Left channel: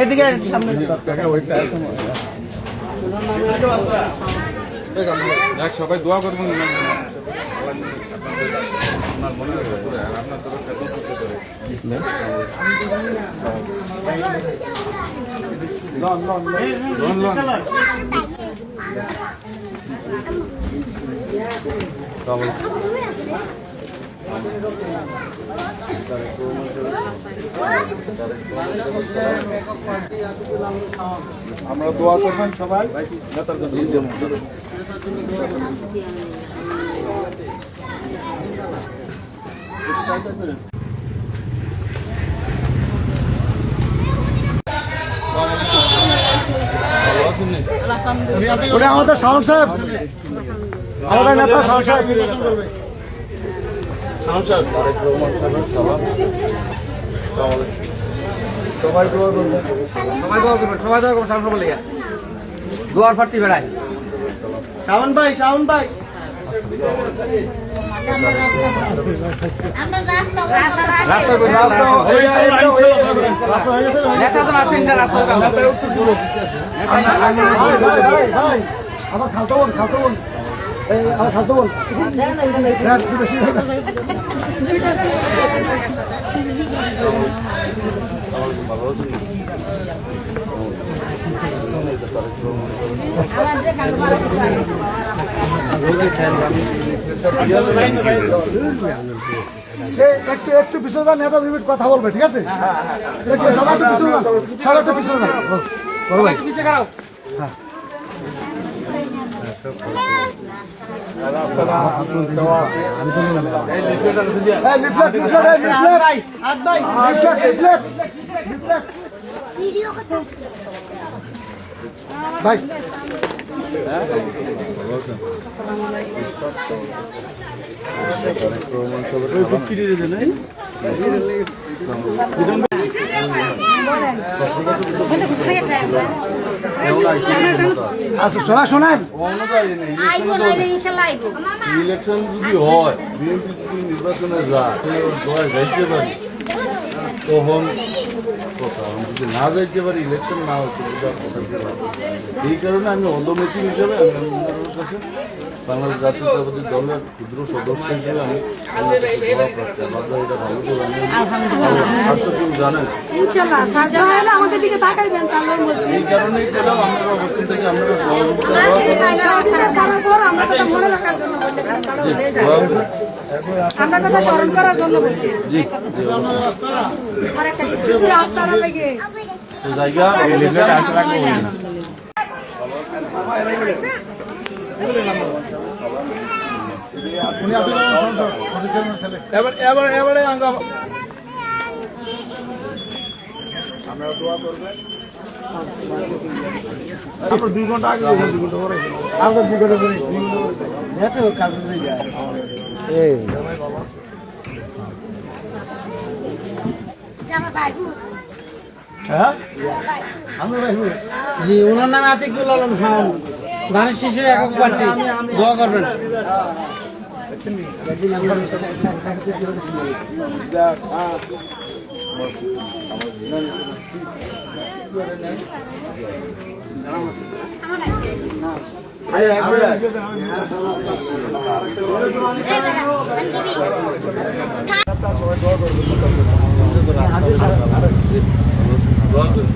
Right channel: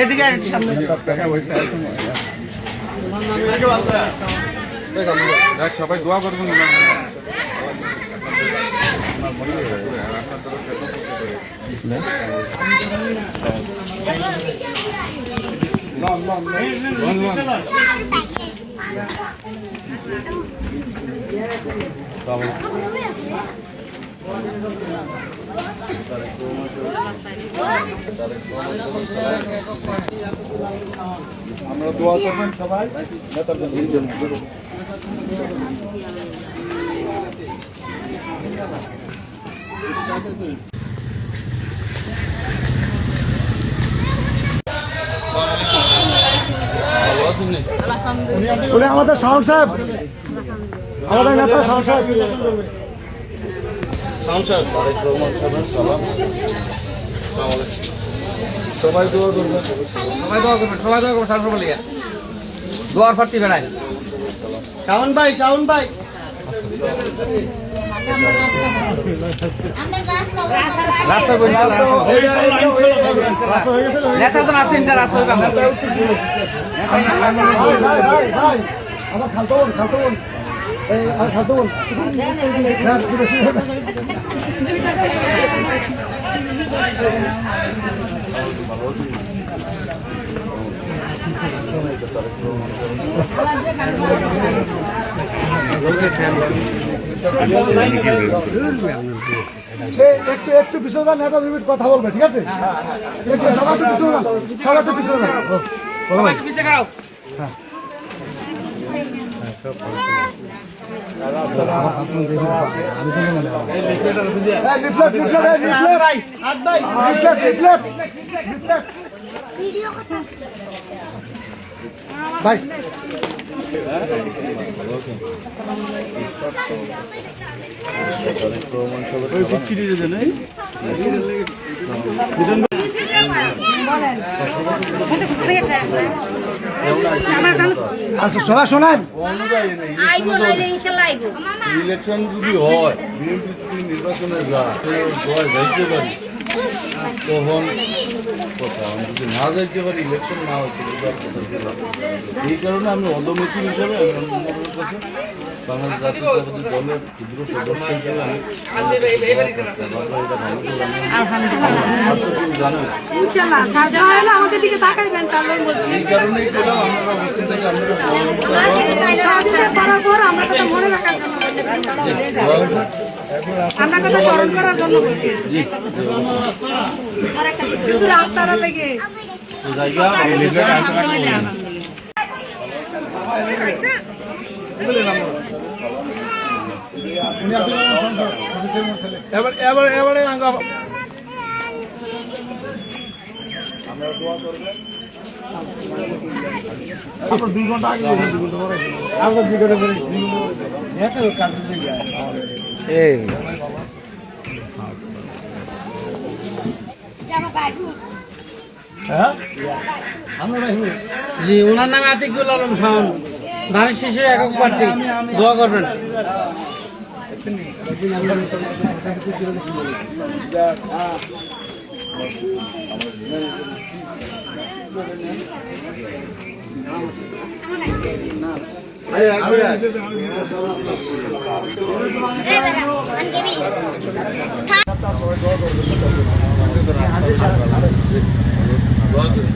এদিকে দেখ সবাই দোয়া করবেন। আপনার মনে হবে আর আপনার তো একটা দুঃখ আমরা দোয়া করবেন সবাই। নেতার জন্য। আমাদের শাওন সাহেব। আমাদের নেতা শাওন সাহেব। সাংসদ তারেক রহমান সাহেবের সালাম সবাই দোয়া করবেন সবাই দোয়া করবেন সবাই দোয়া করবেন সামনে বলে দোয়ার ফাটি বেড়ায়। শাওন ভাই শাওন ভাই। আমরা খালতো খালতো এই খালতো বোন হ্যাঁ, একটু একটু পিছনে যান, নেতা দুই মিনিট কথা বলবে ঠিক আছে সবাই একটু পিছনে যান, সবাই একটু পিছনে যান। বলো ভাই। পিছিয়ে করাও এই লিফলেট, আচ্ছা শোনা শোনেন। আইবো নইলে ইনশাল্লাহ আইবো। ইলেকশন যদি হয় বিএনপি নির্বাচনে যায় যাইতে পারি। তখন যদি না যাইতে পারি ইলেকশন না আর এই কারণে আমি অদমিতি হিসাবে আমি কাছে বাংলাদেশ জাতীয়তাবাদী দলের ক্ষুদ্র সদস্য হিসেবে আমি কেউ জানেন। এই কারণেই পেলাম আমরা অবস্থান থেকে আমরা আমরা আমরা কথা স্মরণ করার জন্য বলছি। জি। জি আর দোয়া করবেন বিগত করে কাজ যায়। জি ওনার নামে আতিকুল আলম খান। ধানের শিশু একক প্রার্থী। দোয়া করবেন। দোয়া করবেন